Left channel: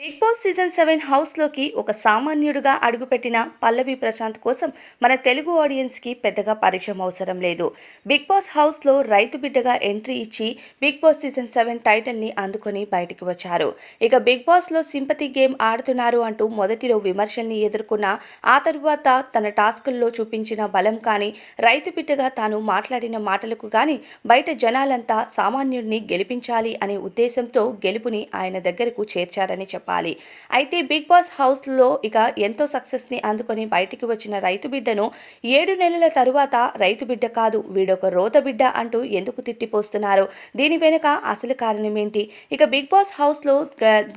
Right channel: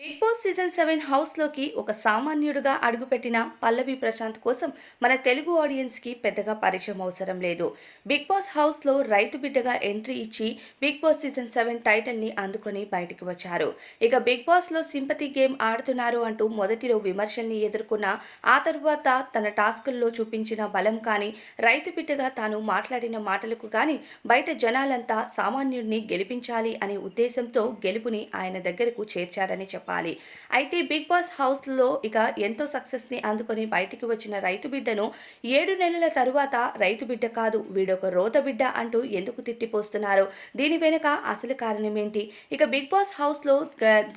Big Boss season 7 హౌస్‌లోకి ఒక సామాన్యుడిగా అడుగుపెట్టిన పల్లవి ప్రశాంత్ కోసం మన తెలుగు ఆడియన్స్‌కి పెద్దగా పరిచయం అవసరం లేదు. బిగ్ బాస్ హౌస్‌లో రైతు బిడ్డగా ఎంట్రీ ఇచ్చి బిగ్ బాస్ సీజన్ 7 టైటిల్‌ని అందుకొని బయటికి వచ్చారు. ఇక బిగ్ బాస్‌లో సింపతి గేమ్ ఆడుతున్నారు అంటూ మొదటిలో విమర్శల్ని ఎదుర్కొన్న ఆ తరువాత తన టాస్కుల్లో చూపించిన బలం కానీ, రైతు బిడ్డగా తాను మాట్లాడిన మాటలకు గానీ బయట జనాలంతా సామాన్యుడిని గెలిపించాలి అనే ఉద్దేశంతో గెలుపుని ఆయన దగ్గరకు చేర్చారని చెప్పాలి. అయితే బిగ్ బాస్ హౌస్‌లో ఇక ఎంతో సక్సెస్‌ని అందుకొని బయటికి వచ్చిన రైతు బిడ్డను 7 నెలల తరువాత రైతు బిడ్డ కాదు వీడొక రోత బిడ్డ అంటూ ఎందుకు తిట్టిపోస్తున్నారు? దీని వెనుక అసలు కారణమేంటి? ఇక బిగ్ బాస్ హౌస్‌లో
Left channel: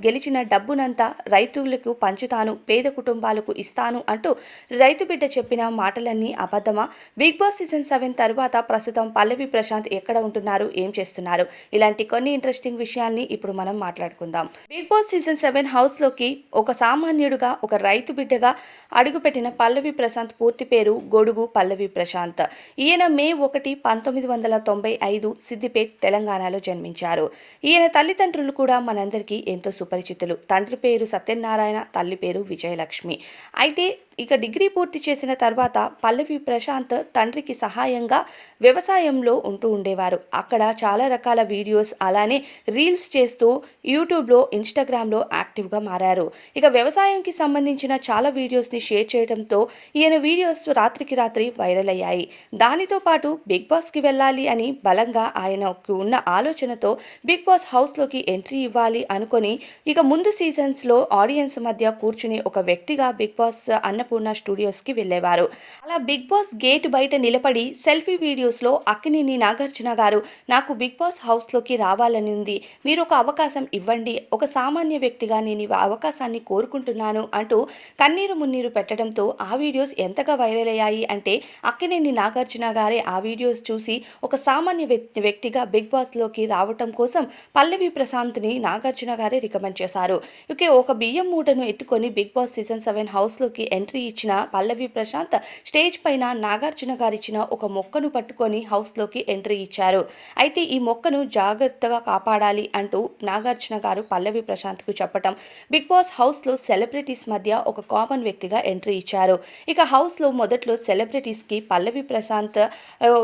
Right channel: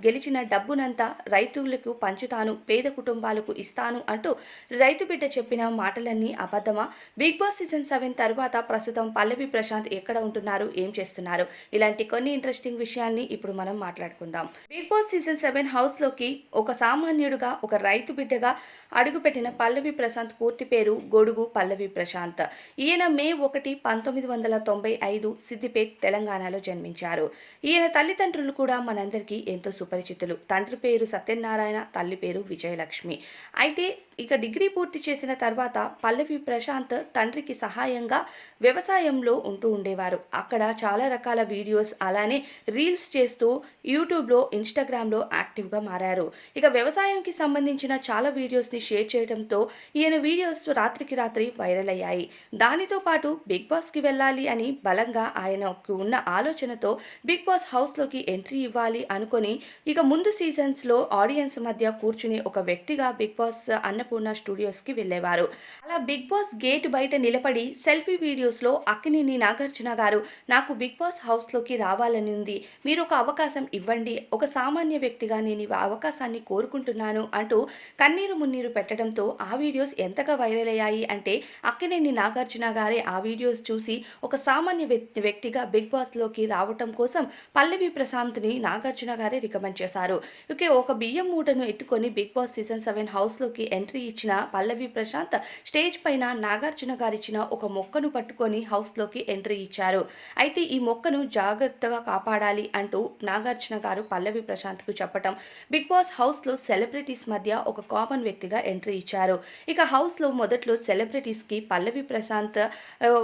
గెలిచిన డబ్బునంతా రైతులకు పంచుతాను, పేద కుటుంబాలకు ఇస్తాను అంటూ రైతు బిడ్డ చెప్పిన మాటలన్నీ అబద్ధమా? బిగ్ బాస్ సీజన్ 7 తరువాత ప్రస్తుతం పల్లవి ప్రశాంత్ ఎక్కడ ఉంటున్నారు? ఏం చేస్తున్నారు? ఇలాంటి కొన్ని ఇంట్రెస్టింగ్ విషయాల్ని ఇప్పుడు మనం మాట్లాడుకుందాం. బిగ్ బాస్ సీజన్ 7 హౌస్‌లోకి ఒక సామాన్యుడిగా, ఒక రైతు బిడ్డగా అడుగుపెట్టిన పల్లవి ప్రశాంత్ పూర్తి పేరు గొడుగు పల్లవి ప్రశాంత్. ఈయన మే 1, 1995 సిద్దిపేట్, తెలంగాణలో జన్మించారు. ఈయన తల్లిదండ్రులు కూడా మనందరికీ ఎంతో సుపరిచితులు. తండ్రి పేరు సత్యనారాయణ, తల్లి పేరు విజయలక్ష్మి. అయితే ఇక డిగ్రీ పూర్తి చేసిన తర్వాత పల్లవి ప్రశాంత్ తండ్రికి సహాయంగా వ్యవసాయంలో ఉంటూ ఉండేవారు. అక్కడ చాలా రకాల వీడియోస్ అలానే రీల్స్ చేస్తూ యూట్యూబ్‌లో, ఇన్‌స్టాగ్రామ్‌లో యాక్టివ్‌గా మారారు. ఇక వ్యవసాయంకి సంబంధించిన చాలా వీడియోస్‌ని షేర్ చేయడంతో ఈయన వీడియోస్ రాత్రికి రాత్రి వైరల్ అయ్యాయి. దానితో పాటు బిగ్ బాస్‌కి వెళ్ళాలి అని బలంగా ఆయనకు ఉన్న ఆలోచనతో బిగ్ బాస్ హౌస్‌లోకి ఎంట్రీ ఇవ్వాలి అనుకొని ఇక ముందు సీజన్స్‌లో ఆడియన్స్ మధ్య కూర్చుని ఒక వ్యక్తిగా బిగ్ బాస్ అన్నపూర్ణ స్టూడియోస్‌కి వెళ్ళేవారు. అలా బిగ్ బాస్ గేట్ బయట నిలబడి సెల్ఫీ వీడియోస్‌లో అక్కినేని నాగార్జున గారు నాకు బిగ్ బాస్ హౌస్‌లోకి రావాలని ఉంది. మీరొక అవకాశం ఇవ్వండి. ఒక సామాన్య వ్యక్తిగా నేను ఈ అవకాశాన్ని కోరుకుంటున్నాను అంటూ కన్నీరు మున్నీరు పెట్టడంతో ఆ వీడియోస్ ఎంతగా వైరల్ అయ్యాయి అంటే అక్కినేని నాగార్జున గారే ఆ వీడియోస్ చూసి ఒక సామాన్య వ్యక్తిగా బిగ్ బాస్‌లోకి రావటం కోసం పల్లవి ప్రశాంత్‌ని నాగార్జున గారే రికమెండ్ చేశారు. ఒక బియ్యం మూటను ఎత్తుకొని బిగ్ బాస్ సీజన్ 7 హౌస్‌లోకి ఎంట్రీ ఇచ్చిన పల్లవి ప్రశాంత్ స్టేజ్ పైన నాగార్జున గారిచ్చిన ఒక మొక్కను పట్టుకొని హౌస్‌లోకి ఎంట్రీ ఇచ్చారు. అయితే ఈ మొక్కను జాగ్రత్తగా కాపాడాలి అంటూ నాగార్జున గారు పల్లవి ప్రశాంత్‌కు చెప్పటం బిగ్ బాస్ హౌస్‌లో సెలబ్రిటీస్ మధ్య ఒక కామన్ వ్యక్తిగా ఎంట్రీ ఇచ్చారు. ఇక హౌస్‌లో మొదట్లో సెలబ్రిటీస్‌కి పల్లవి ప్రశాంత్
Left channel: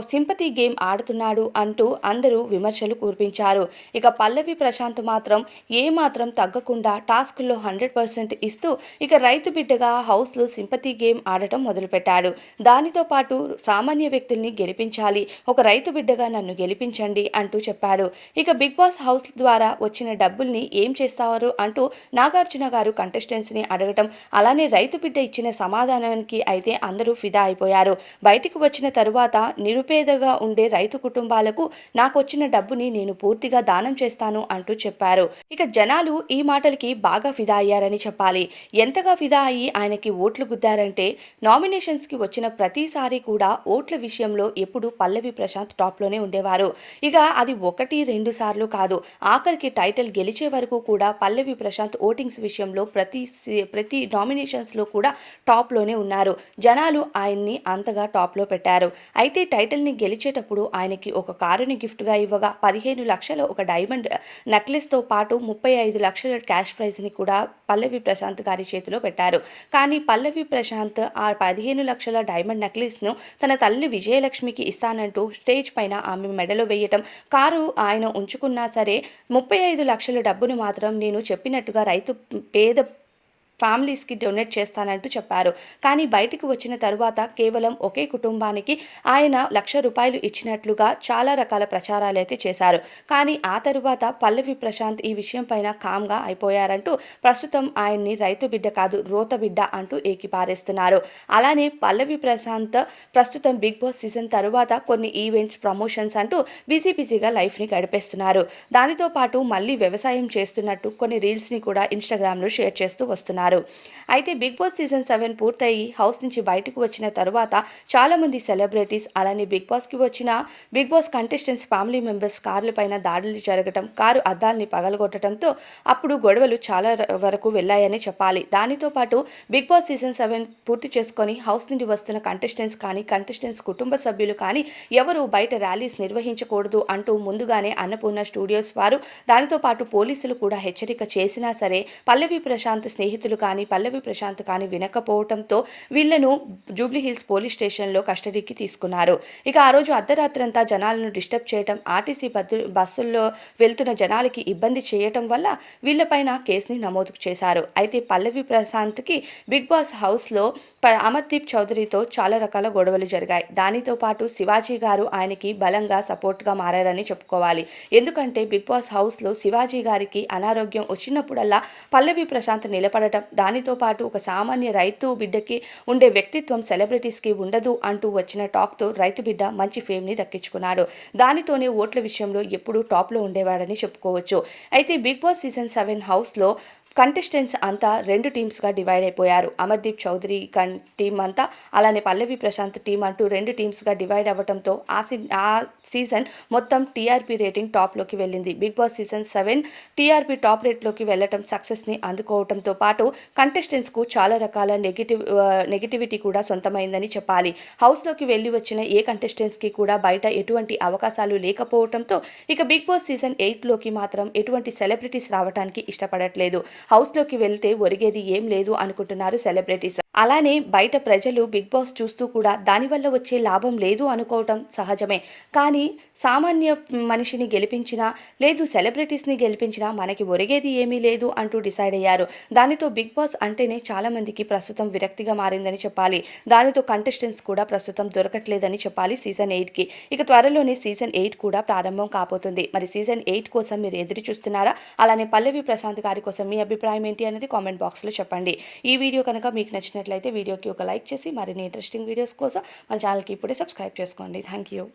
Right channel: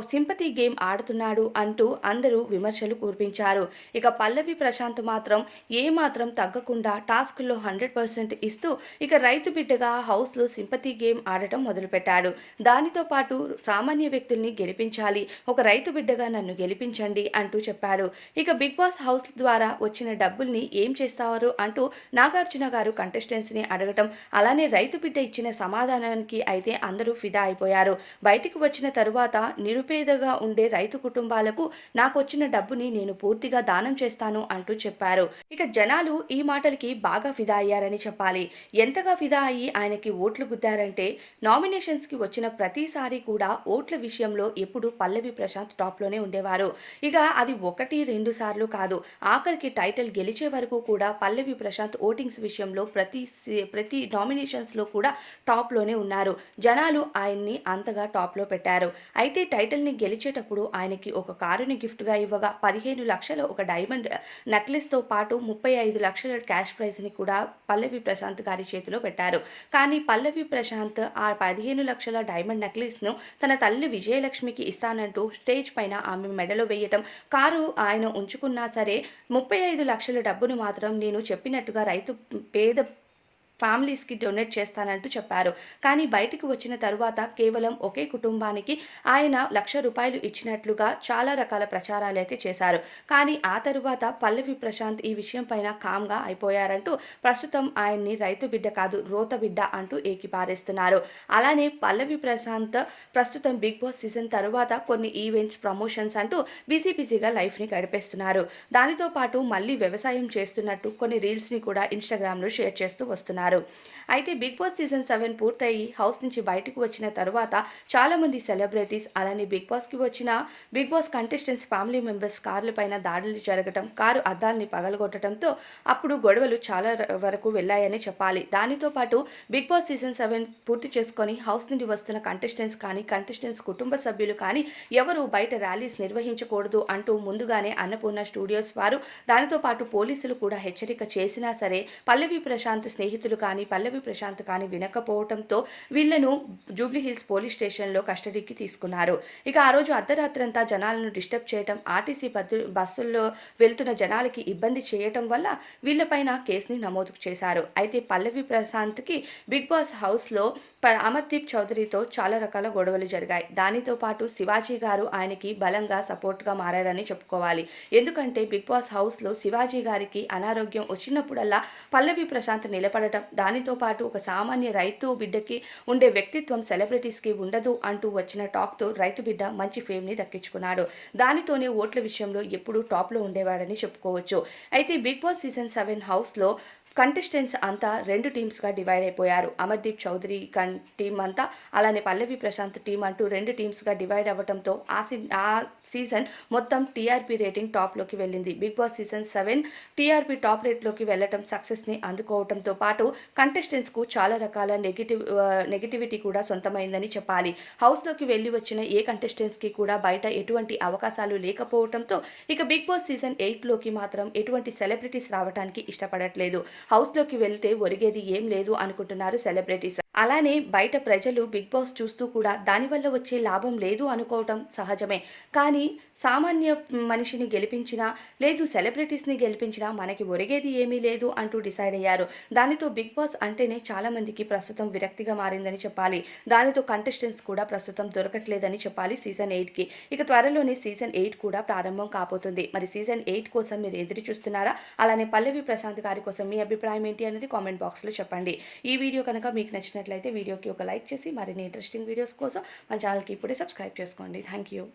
సింపతి గేమ్ ఆడుతున్నాడు అంటూ అందరూ విమర్శలు కురిపించారు. ఇక పల్లవి ప్రశాంత్ మాత్రం ఏమాత్రం తగ్గకుండా టాస్క్‌లో 100% ఇస్తూ ఇక రైతు బిడ్డగా హౌస్‌లో సింపతి గేమ్ ఆడటం మొదలుపెట్టాడు. దానితో పాటు సామాన్య వ్యక్తుల్ని గెలిపించాలి, ఒక రైతు బిడ్డగా నన్ను గెలిపించండి అంటూ చెప్పాడు. ఇక బిగ్ బాస్ హౌస్ ద్వారా వచ్చిన డబ్బుల్ని ఏం చేస్తారు అంటూ నాగార్జున గారు కంటెస్టెంట్స్‌ని అడగటం, అలానే రైతు బిడ్డ ఇచ్చిన సమాధానానికి అయితే అందరూ ఫిదా అయిపోయారు. బయటికి వచ్చిన తరువాత నిరుపేదగా ఉండే రైతు కుటుంబాలకు నాకొచ్చిన డబ్బుని నేను పూర్తిగా దానం చేస్తాను అంటూ చెప్పారు. ఇక జనాలు ఈ మాటలకి బాగా ఫిదా అయ్యారని చెప్పాలి. ఎంతగా ఫిదా అయ్యి ఆయనకి ఓట్లు గుద్దారంటే నామినేషన్స్‌కి వచ్చిన ప్రతిసారి కూడా ఓట్ల విషయంలో ఎప్పుడు పల్లవి ప్రశాంత్ టాప్‌లోనే ఉండేవారు. ఇక అది 1, 2 సార్లు కాదు. ఆఖరికి టైటిల్ గెలిచే వరకు కూడా పల్లవి ప్రశాంత్ ఓటింగ్స్ విషయంలో ప్రతి నామినేషన్స్‌లో కూడా టాప్‌లోనే ఉన్నారు. జనాలు ఆయన్ని అంతగా టాప్‌లో పెట్టారు. అయితే టైటిల్‌ని గెలిచేటప్పుడు ఆయనకి ఒక కారుని గిఫ్ట్‌గా ఇవ్వగా 15,00,000 ఒక డైమండ్ నెక్లెస్‌తో పాటు 35,00,000 క్యాష్ ప్రైజ్‌ని కూడా పల్లవి ప్రశాంత్ గారి చేతిలో పెట్టారు. కానీ పల్లవి ప్రశాంత్ ఆ 15,00,000 డైమండ్ నెక్లెస్‌ను తన తల్లి విజయలక్ష్మికి ఇస్తానంటూ స్టేజ్ పైన ఆమె మెడలో వేయటం, కారు ఆయన ఉంచుకున్నా సరే 35,00,000 డబ్బును మాత్రం నేను చెప్పినట్టుగా పేద ఫ్యామిలీస్‌కి డొనేట్ చేస్తానంటూ చెప్పారు. కానీ బయటికి వచ్చిన తరువాత కేవలం ఒకే కుటుంబానికి ఆయన ₹1,00,000 ఇచ్చినట్లుగా చాలా రకాల ప్రచారాలైతే చేశారు. కానీ ఆ తరువాత పల్లవి ప్రశాంత్ ఈ విషయం పైన కామ్‌గా అయిపోయారంటూ ప్రస్తుతం ఆయన్ని రైతు బిడ్డ కాదు రోత బిడ్డ అంటూ ఏకిపారేస్తున్నారు. అలానే పల్లవి ప్రశాంత్ ప్రస్తుతం బిగ్ బాస్ సీజన్ తరువాత కొన్ని ఈవెంట్స్, ప్రమోషన్స్ అంటూ బిజీగా లైఫ్‌ని గడిపేస్తున్నారు. దానితో పాటు మళ్ళీ వ్యవసాయం చేస్తున్నట్టు కొన్ని రీల్స్‌ని కూడా ఇన్‌స్టాగ్రామ్‌లో షేర్ చేస్తూ వస్తున్నారు. చెప్పుకున్నారు. అయితే బిగ్ బాస్ సీజన్ 7 పూర్తయి హౌస్ నుంచి బయటకు వచ్చిన తరువాత చాలామంది సెలబ్రిటీస్ అలానే బిగ్ బాస్‌కి వచ్చిన Bigg Boss contestants family members కార్లపైన దాడులు జరగటం, కారు అద్దాల్ని పగలగొట్టడంతో అప్పుడు గొడవలు చాలా వరకు వెళ్ళాయని చెప్పాలి. దానితో పాటు బిగ్ బాస్ సీజన్ 7 పూర్తి చేసుకొని హౌస్ నుండి వస్తున్న కంటెస్టెంట్స్ కానీ, కంటెస్టెంట్స్ కుటుంబ సభ్యులు కానీ ఎవరు బయట ర్యాలీస్ నిర్వహించకూడదు అంటూ ముందుగానే అన్నపూర్ణ స్టూడియోస్ వారు, దానితో పాటు పోలీసులు కూడా హెచ్చరిక చేసినా సరే పల్లవి ప్రశాంత్ స్నేహితులు కానీ, పల్లవి ప్రశాంత్ కానీ వినకపోవటంతో వీళ్లను జూబ్లీహిల్స్ పోలీస్ స్టేషన్‌లో కస్టడీకి తీసుకున్నారు. ఇక ఆ రోజు అర్ధరాత్రంతా జనాలను డిస్టర్బ్ చేయటం, ఆర్టీసీ బస్సుల్లో వెళ్తున్న జనాలకి ఇబ్బంది చేయటం వల్ల వీళ్లపైన కేసుని నమోదు చేశారు. అయితే పల్లవి ప్రశాంత్‌కి బిగ్ బాస్ హౌస్‌లో అమర్దీప్ చౌదరితో చాలా రకాల గొడవలు జరిగాయి. దానితో పాటు శివాజీ గారు ఆయనకి బలంగా సపోర్ట్‌గా మారారని చెప్పుకోవాలి. ఎందుకంటే బిగ్ బాస్ హౌస్‌లో శివాజీ గారికి అనారోగ్యం వచ్చినప్పుడల్లా పల్లవి ప్రశాంత్ నిలబడటం, దానితో పాటు ఒక సామాన్య రైతు బిడ్డకి ఉండే వ్యక్తిత్వం సెలబ్రిటీస్‌కి ఉండదు అంటూ వచ్చిన టాక్‌తో రైతు బిడ్డ మంచి ఫేమ్‌ని దక్కించుకున్నాడు. దానితోనే ఓట్ల విషయంలో ఎప్పుడూ టాప్‌లో ఉండేవాడని చెప్పుకోవచ్చు. అయితే బిగ్ బాస్ సీజన్ 7 హౌస్‌లో కంటెస్టెంట్స్ అంతా 2 టీమ్స్‌గా డివైడ్ అయిపోయారు. అమర్దీప్ చౌదరి టీమ్ అంతా, అలానే పల్లవి ప్రశాంత్ టీమ్ అంటూ 2 టీమ్స్‌గా డివైడ్ అవ్వటంతో ఆ సీజన్ మొత్తం టీఆర్పీ రేటింగ్ టాప్‌లోకి వెళ్ళింది. Bigg Boss season 7 TRP top రేట్‌లోకి వెళ్ళటం సక్సెస్‌ని అందుకోవటంతో పాటు కంటెస్టెంట్స్‌కు చాలా రకాల నెగటివిటీ కూడా సొంతమైందని చెప్పాలి. హౌస్‌లోకి వెళ్లి వచ్చిన ఏ కంటెస్టెంట్స్‌కి కూడా బయట ఎటువంటి అవకాశాలు లేకపోవటంతో ఇక బిగ్ బాస్ సీజన్ 8లోకి మాత్రం ఎటువంటి సెలబ్రిటీస్ రావటానికి ఇష్టపడట్లేదు. హౌస్‌లోకి వెళ్తే ఒరిగేది ఏం లేదు అనుకుంటున్నారు సెలబ్రిటీస్. అలానే బయట ప్రజలు బిగ్ బాస్ చూస్తూ కూడా దానివల్ల వచ్చే లాభం లేదు అనుకోవటం సహజమే. కానీ సామాన్య మనిషిని గెలిపించినా, లేదు సెలబ్రిటీస్‌ని గెలిపించినా మనకి ఒరిగేది ఏమీ లేదు అంటూ డిసైడ్ అయ్యారు. దానితో బిగ్ బాస్ అంటేనే చాలామందికి ప్రస్తుతం విరక్తిగా మారిందని చెప్పాలి. దానితో కంటెస్టెంట్స్ కూడా ప్రస్తుతం దొరకట్లేదని చెప్పాలి సీజన్ 8కి. ఇక త్వరలోనే సీజన్ 8 కూడా ప్రారంభం కాబోతుంది. మరి సీజన్ 8 కోసం మీరు ఎదురు చూస్తున్నారా? అలానే పల్లవి ప్రశాంత్ గారి కోసం మీ అభిప్రాయం ఏంటి అనేది కామెంట్ బాక్స్‌లో చెప్పండి. ఈ వీడియో కనుక మీకు నచ్చినట్లయితే వీడియోకి ఒక లైక్ చేసి మరిన్ని ఇంట్రెస్టింగ్ వీడియోస్ కోసం మన ఛానల్‌కి ఇప్పుడే సబ్స్క్రైబ్ చేసుకోండి. Thank you.